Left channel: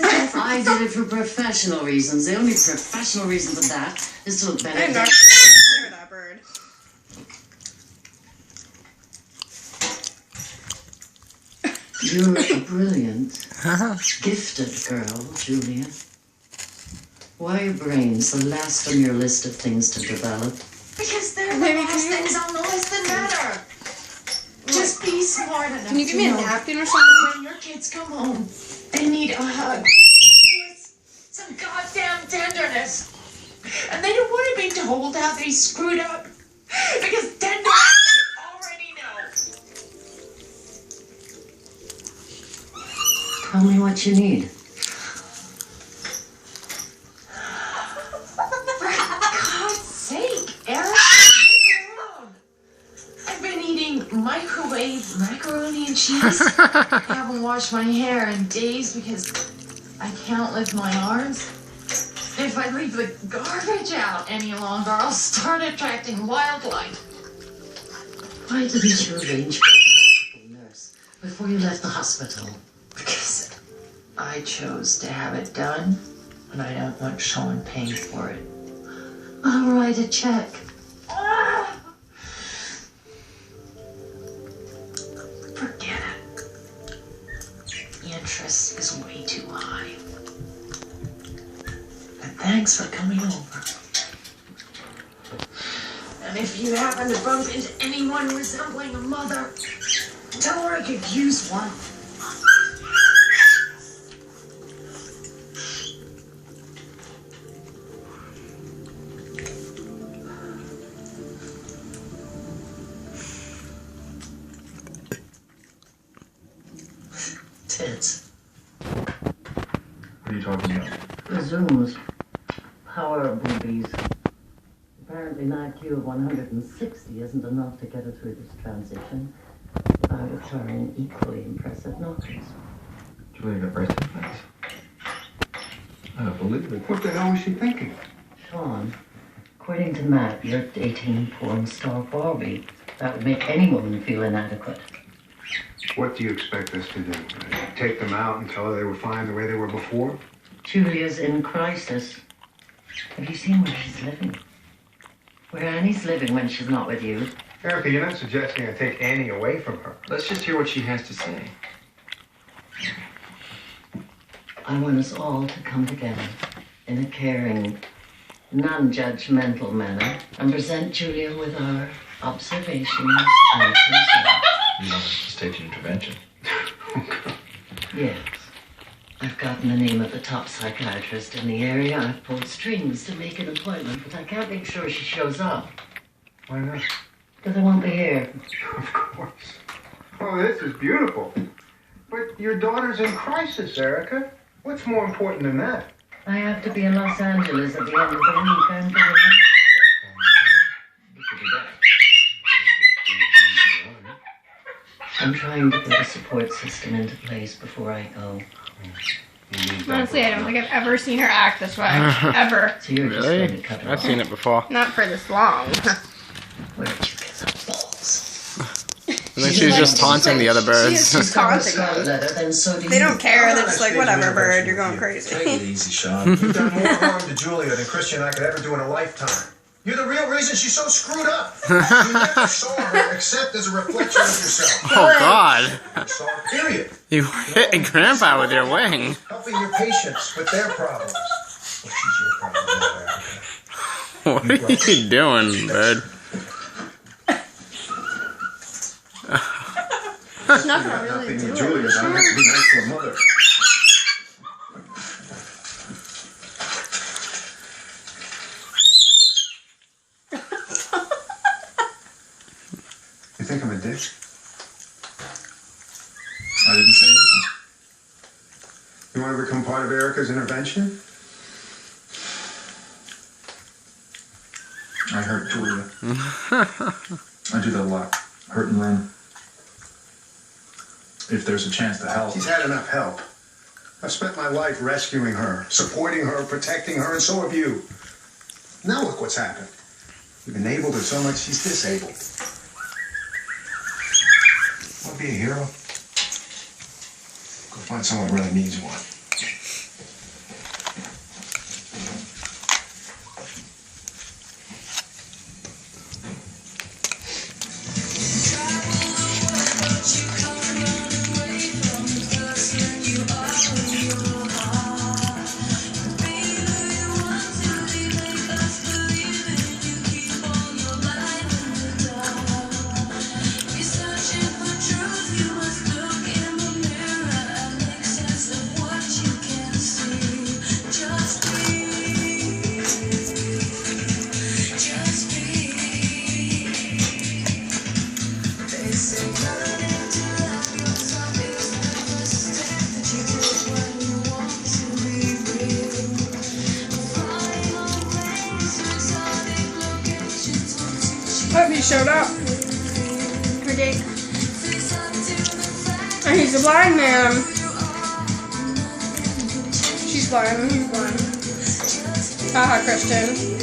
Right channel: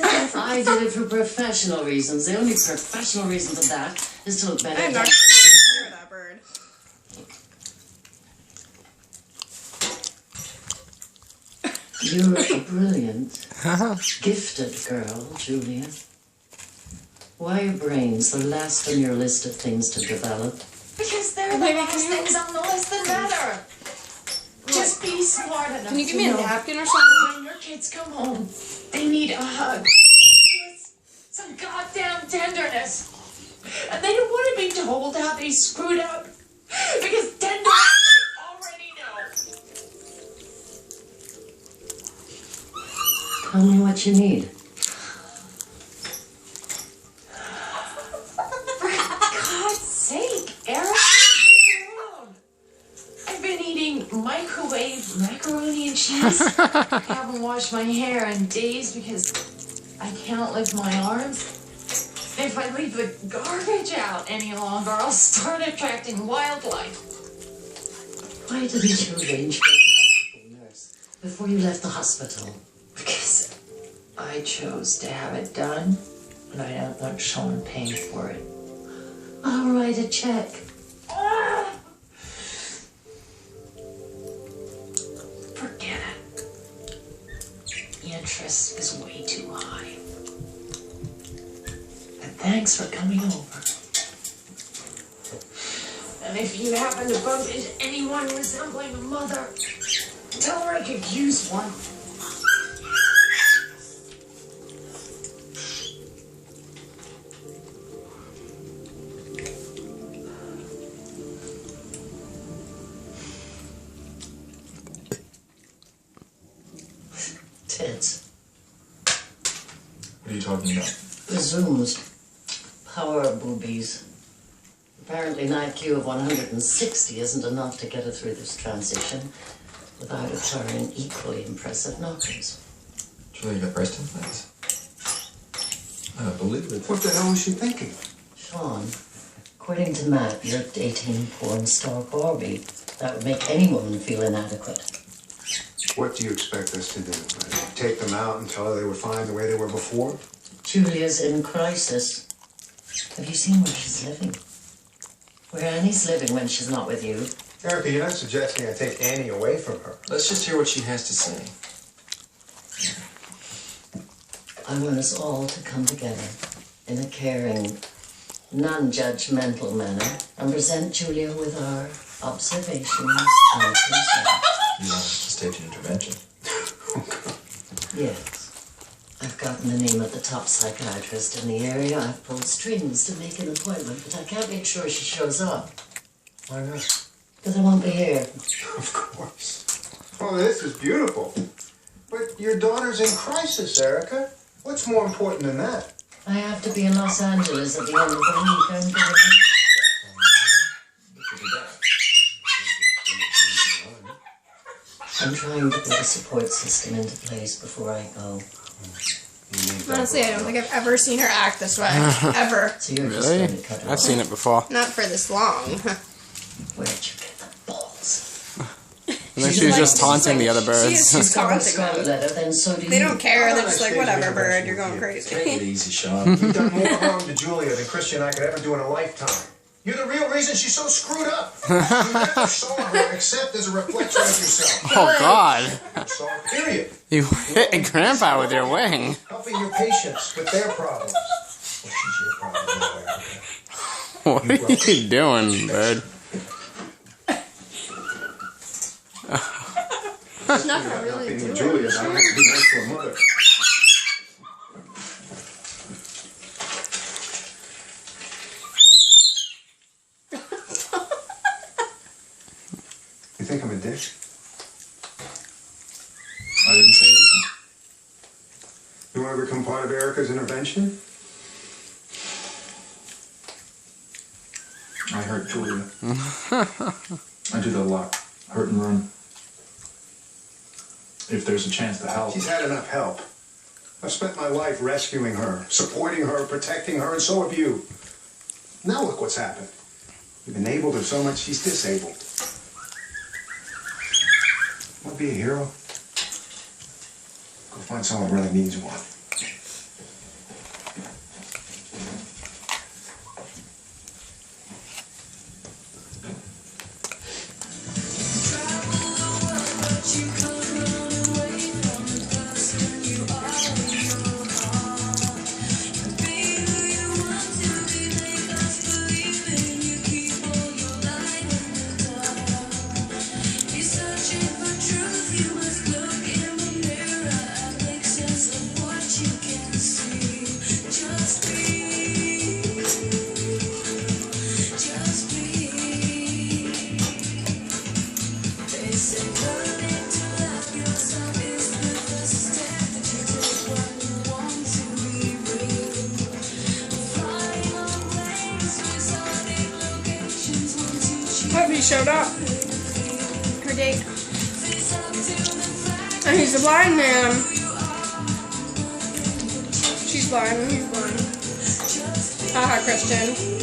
I did it for professional reasons. The only professional reason for that is to look better. I'm not hear that bird. You're a brilliant, gifted girl, Julia. Why are brains the last on your list of things to develop? Because they're the last things on the list that matter. Just be smart enough. Can you give me a know napkin or something? when your kids come home, they need a hug. Some goddamn tenderness. And they don't want to be told how they screwed up. Because tenderness they already know. Tell me what you need. For God's sake, Eric, leave me alone. I've been eating microwave macaroni and cheese. I haven't washed my hair in days because I can't lift my arms. If I leave the garbage out any longer, I'll start attracting wildlife. Why didn't you arrange for a practical nurse before you left the hospital? Because I chose to have it done, and I don't want someone paying for it. I'll write a check. Forget it. The interest is way too high. And thanks for coming over. And if you happen to bump into anyone resembling a mother, tell her I could use one. Tits. What are you talking about? The Zooms. Power boobies. Apparently an IQ of 160 isn't enough to get her through this transition without acquiring equally impressive knuckles. Julia got breast implants. I don't believe it. What the hell was she thinking? Sean, according to Matt, you're dating porn star Barbie. That would make any woman feel inadequate. What do you expect us to do? Take them out and tell her they were fine the way they were before? Julia's in crisis. Have you seen where she's living? Where Annie's living when she's not with you? Erica, you're not suggesting I take Annie away from her. Let's just hear what she has to say. I want us all to come together in a caring, non-judgmental manner and present Julia with our observations and concerns. You want us to stage an intervention? Yes. I've gotten the name of the top psychiatrist in the area. I've pulled strings to make an appointment, but I can't make sure she shows up. Why not? Because I won't be here. Of course. Oh, this is beautiful. But your daughter's in crisis, Erica. What's more important than that? I have to be in Los Angeles at the end of the week. I'm going. I'm trying to put a support system into place before I go. Honestly, I don't think I've ever seen her act this way. Ever. So you're just going to cut her I've seen it before. Not for this long. Where'd you get the balls? I think she was just taunting the other birds. She's taunting Scarlet them. letter, then so do They you. don't care. They're just like, whatever, bird, you're going crazy. Take it easy, Sean. You've done more harm to Julia than Christian and I could ever do in a lifetime. You're the real reason she's so screwed up. You never saw her except as a reflection of yourself. Oh God! You saw her, period. You hit Grandpa with your wing. Helping your patients with their problems. Well, she's your problem now, Erica. What are you doing, bird? There's nothing I really Being do. with Julia, I have to be nice to her mother. You think I'm a dick? I didn't say anything. You want to become part of Erica's intervention? I hurt Julia. I do that a lot. Hurt and run. If there's a chance to help. She's had enough help. I've spent my life rescuing her, supporting her, protecting her, and so have you. Now look what's happened. You've enabled her so much she's disabled. Want to be a hero? Go find someone who really needs one. he showed up. Her date. And he's a blind man. She's blind and he's blind. Haha, Christian.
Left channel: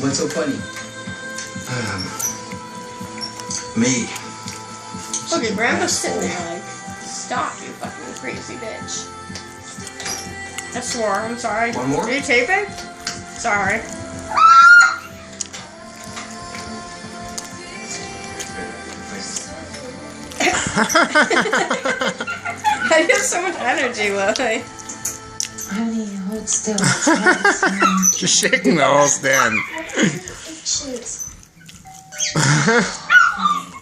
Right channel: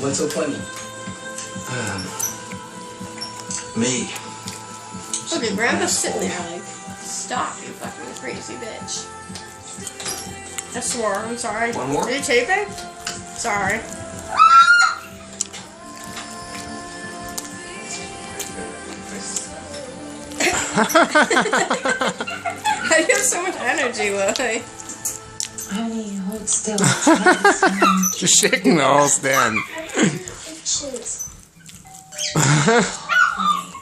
What's so funny? Me. Okay, Grandpa's sitting there like, stop, you fucking crazy bitch. I swore, I'm sorry. One more? Are you taping? Sorry. How do you have so much energy, Lily? Honey, hold still. Just shaking the whole stand. Honey,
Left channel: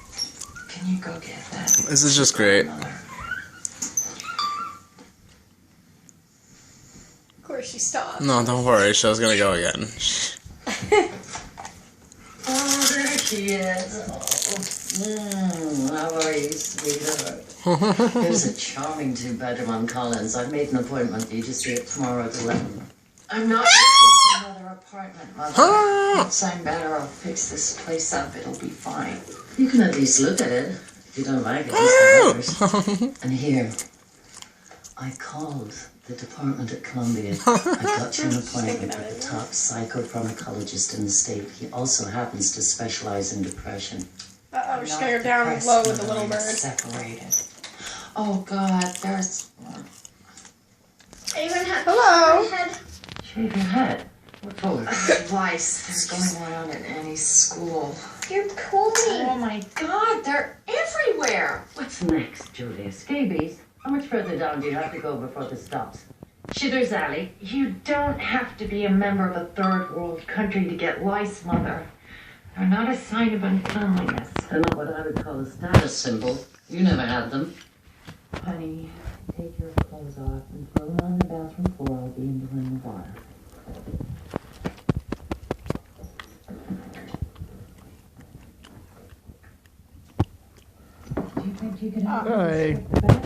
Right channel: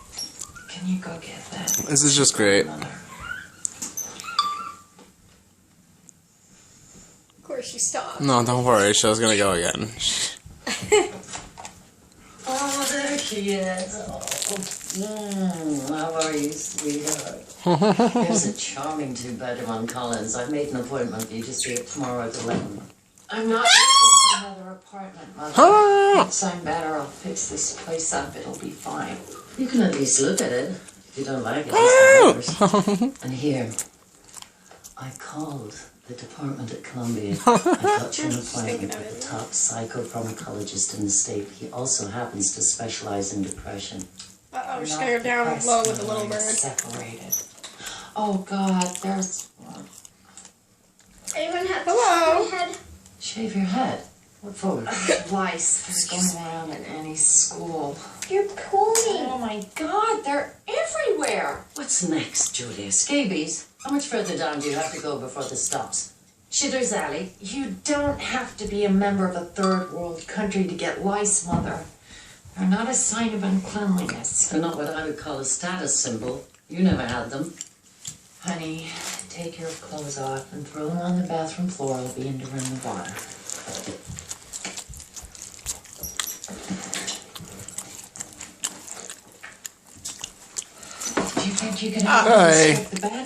can you go get that? This is just great. Mother? Of course she stopped. No, don't worry. Show's gonna go again. Oh, there she is. How are you, sweetheart? Here's a charming two-bedroom on Collins. I've made an appointment for you to see it tomorrow at 11. I'm not looking for another apartment, Mother. Thinks I'm better. I'll fix this place up. It'll be fine. You can at least look at it. If you don't like it, it's the others. And here, I called the department at Columbia. I got you an appointment with the top psychopharmacologist in the state. He also happens to specialize in depression. Uh-oh, we're just gonna go down low with the little bird. Separated. Oh God, there's one. Anyone have Hello. head? Shave your head. What for? Lice. They're going around in Annie's school. You're Oh pulling. my God, they're everywhere. What's next, Julia? Scabies? How much further down do you have to go before this stops? Shitter's Alley? You don't have to be a member of a third world country to get lice, Mother. They're not a sign of uncleanliness. They're not what I would call a status symbol. You never had them. Honey, take your clothes off and throw them on the bathroom floor. I'll be in to run the water. Do you think you can help me Hi. strip the bed?